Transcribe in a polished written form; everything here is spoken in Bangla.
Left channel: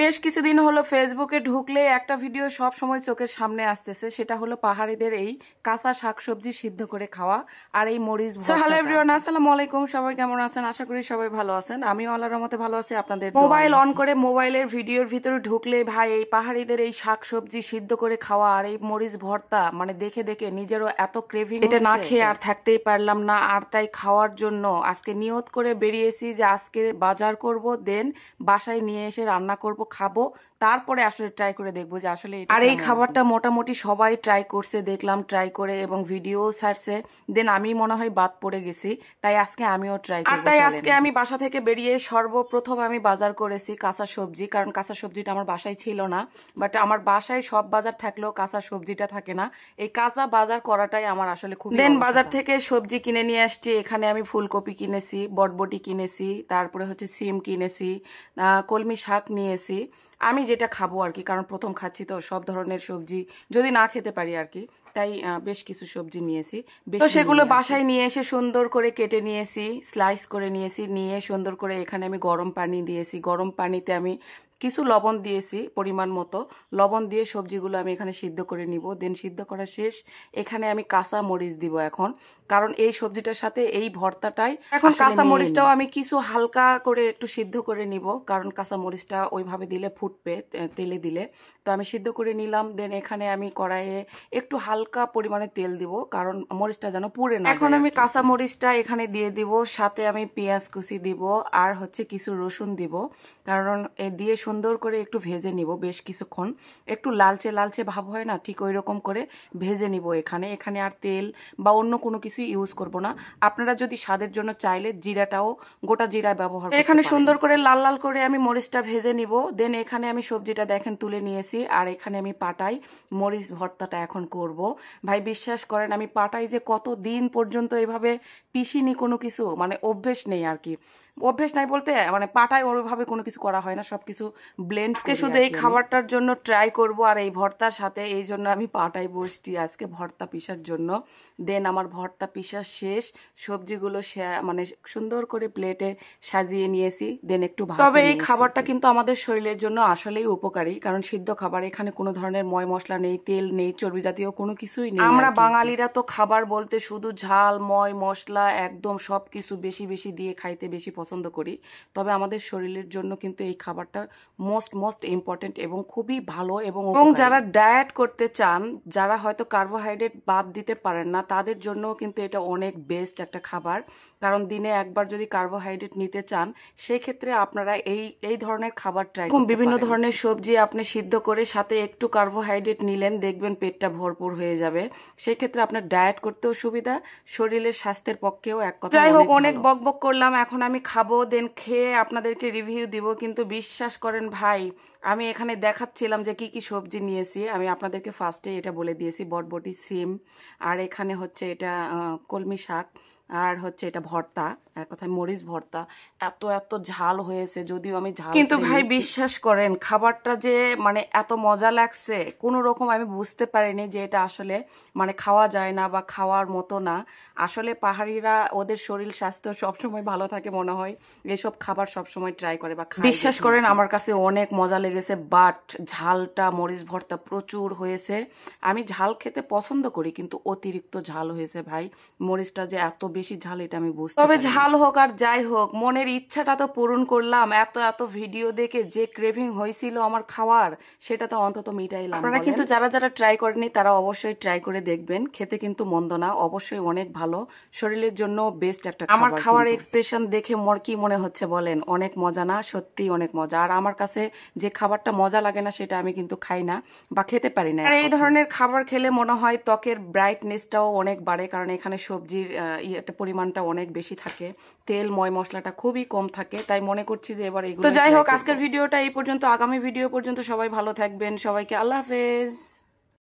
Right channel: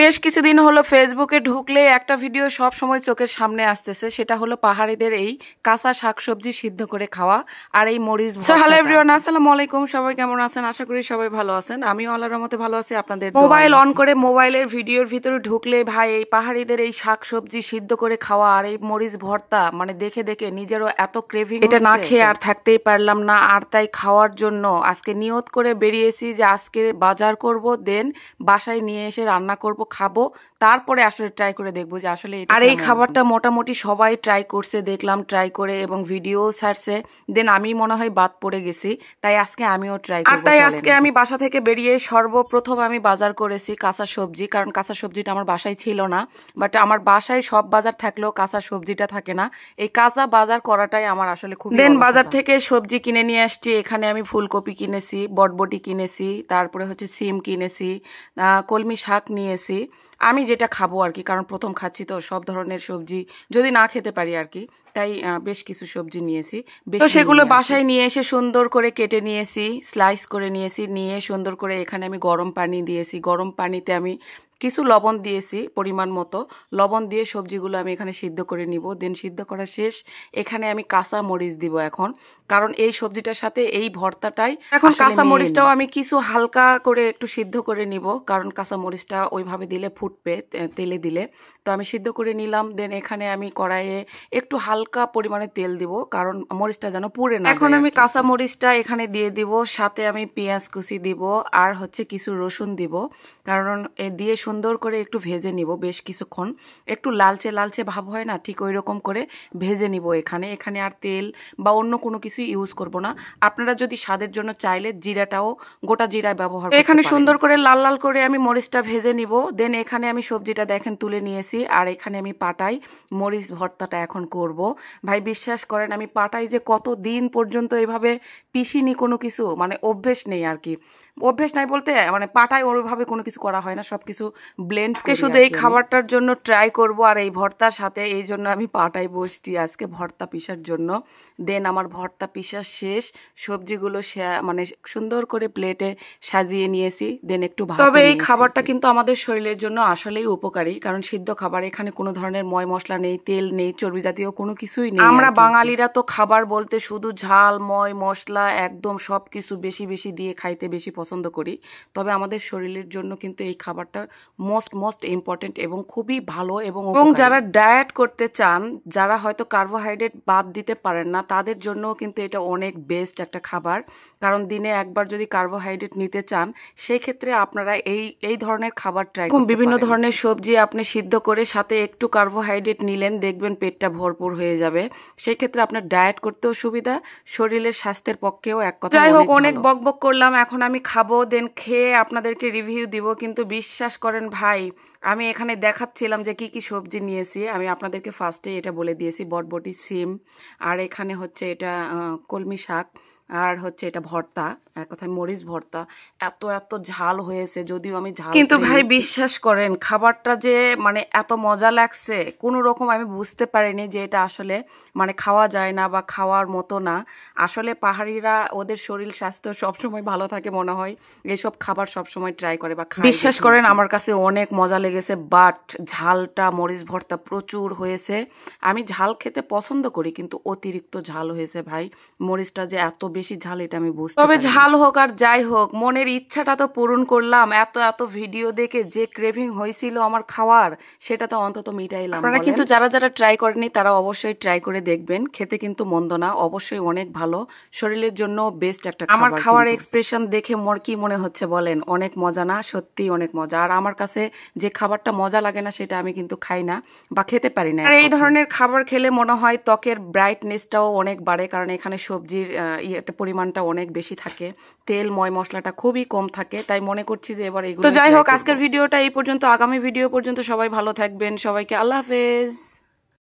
বেশ কিছুদিন হলো ফেসবুকে ঢুকলে একটা ভিডিও সব সময় চোখের সামনে আসতেছে, সেটা হলো পাহাড়িদের এই কাঁচা শাকসবজি সিদ্ধ করে খাওয়া আর এই মরিচ ভর্তা। হ্যালো এভরিওয়ান, আসসালামু আলাইকুম। সবাই কেমন আছেন? আশা করি সবাই ভালো আছেন। আমিও আল্লাহর রহমতে ভালো আছি। আপনাদের মোবাইল অন করে মোবাইলের ভিডিওর ভিতরে ঢুকলে ভাই এই পাহাড়িদের এই শাকসবজি সিদ্ধ করে খাওয়া আর এই মরিচ ভর্তা মানে দেখে দেখে নিজেরও এত ক্রেভিং, এটা না খেয়ে আর থাকতেই পারলাম না। আর তাই খাওয়ার জন্য আজকে নিয়ত করে বেরিয়েছি যে আজকে বাজার করব, দেন বাসায় নিয়ে এসে রান্না করব, খাবো, তারপরে আসলে ট্রাই করে দেখবো যে আসলে। আর এই খাবারটা মোটামুটি সবাই ট্রাই করছে দেখলাম, ট্রাই করে এবং ভিডিও ছাড়ছে, দেন আমি মনে হয় বাদ পড়ে গেছি, তাই আজকে আমিও ট্রাই করব। তাই আজকে আমি বাসা থেকে বেরিয়ে সর্বপ্রথম আমি বাজার করেছি কাঁচা সবজি, কারণ কাঁচা সবজিটা আমার বাসায় ছিল না। বাট আমার বাসায় সব বাজার থাকলেও কাঁচা সবজিটা থাকে না। এই কাঁচা বাজার করাটাই আমার আসলে খুব। দেন বাজার থেকে সবজি কিনে নিয়ে আসছি। এখানে আমি ফুলকপি কিনেছি, বটবটি কিনেছি, তারপরে হচ্ছে সিম কিনেছি, কলমি শাক নিয়েছি, আমি যেটা খাবো আর কি, কারণ প্রথম খাচ্ছি তো সব ধরনের সবজি যদি না খেতে পারি আর কি, তাই বেশ কিছু সবজি নিয়েছি। তো সেগুলো বাসায় নিয়ে এসে সুন্দর করে কেটে নিয়েছি, স্লাইস করে নিয়েছি, নিয়ে সুন্দর করে এখানে আমি গরম পানি দিয়েছি। গরম পানিতে আমি কিছু লবণ দিয়েছি পরিমাণ মতো, লবণ দিয়ে সবজিগুলো আমি এখানে সিদ্ধ করে নিব। দেন সিদ্ধ করা শেষ, এখানে আমি কাঁচা মরিচ দিব এখন, কারণ এই সবজিটার সাথে এই ভর্তাটাই এখন। কাঁচা মরিচটাও আমি কিছু হালকা করে একটু সিদ্ধ করে নিব, কারণ কাঁচা মরিচটা ওইভাবে দিলে ফুটবে তেলে দিলে। তো আমি সিদ্ধ করে নিলাম। দেন এখানে আমি কড়াইয়ে একটু হালকা পরিমাণে তেল দিব, কারণ মরিচটা যেন পুড়ে না। এখন আমি কাঁচা মরিচটা এখানে দিয়ে দিব, সাথে আমি পেঁয়াজ কুচি দিব আর হচ্ছে কিছু রসুন দিব, কারণ দিয়ে সুন্দর করে একটু ভেজে নিব বেশ কিছুক্ষণ। একটু লালচে লালচে ভাব হয় না, ঠিক ওই রকম করে ভেজে নিব। এখানে আর তেল বা অন্য কোনো কিছু ইউজ করব না। আপনারা যদি স্বাদের জন্য চাইলে জিরাটাও, গোটা জিরা ব্যবহার করতে পারেন। এখানে সুন্দর করে লাল লাল করে আমি মরিচটা ভেজে নিব। দেন এখানে আমি সবজিটা দেখেন তুলে নিয়েছি, আর এখানে আমি পাটাই মরিচ ভর্তাটা এখন করব। ভাই বিশ্বাস করেন, আমি পাটাই যে কত দিন পর্যন্ত এভাবে পিসিনি কোনো কিছু, মানে অভ্যেস নেই আর কি। অভ্যেস নাই বলতে মানে পাটায় ওইভাবে কোনো কিছু করা হয় না, সবকিছু ব্লেন্ডসকে শুধু এই খাবারটার জন্য ট্রাই করব আর এই ভর্তার সাথে, এই জন্য আমি পাটায় বসছি আজকে ভর্তা পিসার জন্য। দেন আমার ভর্তা পিসা শেষ, সবজিগুলো মানে সুন্দর করে প্লেটে সাজিয়ে নিয়েছি। দেন একটু ভাত। তবে এই খাবারটা কিন্তু আমাদের শরীরের জন্য আসলেই উপকারী, কারণ সিদ্ধ খাবার, এখানে কোনো ধরনের ময় মশলা নেই, তেল নেই, চর্বি জাতীয় কোনো কিছুই নেই। আমরা বাঙালিরা তো খাবার বলতে শুধু ঝাল, ময় মশলা একদম সবকিছু বেশি বেশি দিয়ে খাইতে বেশি পছন্দ করি। তবে আমাদের শরীরের জন্য কিন্তু এই খাবারটা মোস্ট ইম্পর্টেন্ট এবং খুবই ভালো। এবং যারা ডায়েট করতে চান, যারা হয়তো কার্বোহাইড্রেট বাদ দিতে পারেন না, তাদের জন্য কিন্তু এটা অনেক বেস্ট একটা খাবার। কারণ দিনে একবার যদি কার্বোহাইড্রেট নিতে চান, সেই ক্ষেত্রে আপনারা এই ধরনের খাবার ট্রাই করুন। বিভিন্ন ধরনের সবজি আপনি সিদ্ধ করে সাথে একটু কার্বোহাইড্রেট নিলেন, দেখবেন পেটটা ভরপুর হয়ে যাবে। সেই ক্ষেত্রে আপনার ডায়েট করতেও সুবিধা, শরীরের স্বাস্থ্যের পক্ষেও এক কথা। যাই হোক, অনেক বকবক করলাম, এখন আমি খাবো, দেন খেয়ে আপনাদেরকে রিভিউ দিব। কিন্তু বিশ্বাস করেন ভাই, আমি এখানে দেখাচ্ছিলাম যে কি কি সবজি নিয়েছি, আমি আপনাদেরকে ফার্স্টে এটা বলে দিয়েছি, বটবটি, সিম, আর এখানে হচ্ছে এটা কলমি শাক, আর হচ্ছে এটা ভর্তা, এক কথায় মরিচ ভর্তা। এত ঝাল হয়েছে, যদিও আমি ঝাল, কিন্তু ভাই বিশ্বাস করেন খাবারটা যে মানে এত মজা লাগছে, কোনো রকম আমি বুঝতে পারিনি যে এটা আসলে মানে খাওয়া যায় না বা খাওয়ার মতো না। আসলে পাহাড়িরা ওদের শরীর স্বাস্থ্য সবসময় ভালো থাকে মনে হয়, এইসব খাবার সবসময় ট্রাই করে বা খায়। বিশ্বাস করেন আমার কাছে অনেক মজা লেগেছে, বাট ঝালটা, মরিচ ভর্তা প্রচুর হয়েছে। আমি ঝাল খেতে পছন্দ করি, কিন্তু অতিরিক্ত ঝাল হয়েছে ভাই। মরিচটা যে এত বেশি ঝাল এটা আমি বুঝতে। তবে ঝাল হোক আর যাই হোক, মনের ইচ্ছাটা তো পূরণ করলাম। এত ভিডিও দেখে যে ক্রেভিং হয়েছিল আমার খাওয়ার, সেটা তো অন্তত মিটাইলাম। আপনারা কিন্তু যারা ট্রাই করেনি তারা অবশ্যই ট্রাই করে দেখবেন, খেতে কিন্তু মন্দ না, অবশ্যই অনেক ভালো, শরীরের জন্য বেস্ট একটা খাবার। আমার খাওয়ার এক্সপ্রেশন দেখে কি মনে হচ্ছে বলেন? অনেক মজা না? সত্যি অনেক মজা। আর আমার কাছে যে খাবারটা মজা লাগে না সেটা আমি কিন্তু খাই না বা খেতে পারি না। আর এই ধরনের খাবার খেলে মনে হয় ত্বকের ব্রাইটনেসটাও অনেক বাড়ে, কারণ এখানে সবজির একটা পরিমাণটা অনেক বেশি থাকে, তেল ময় মশলাটা খুবই কম থাকে, তাই মনে করছি যে এবার এগুলো। তো যাই হোক, আজকের ভিডিওটা এই পর্যন্ত। আগামী ভিডিও পর্যন্ত সবাই ভালো থাকবেন। সবাইকে আল্লাহ হাফেজ।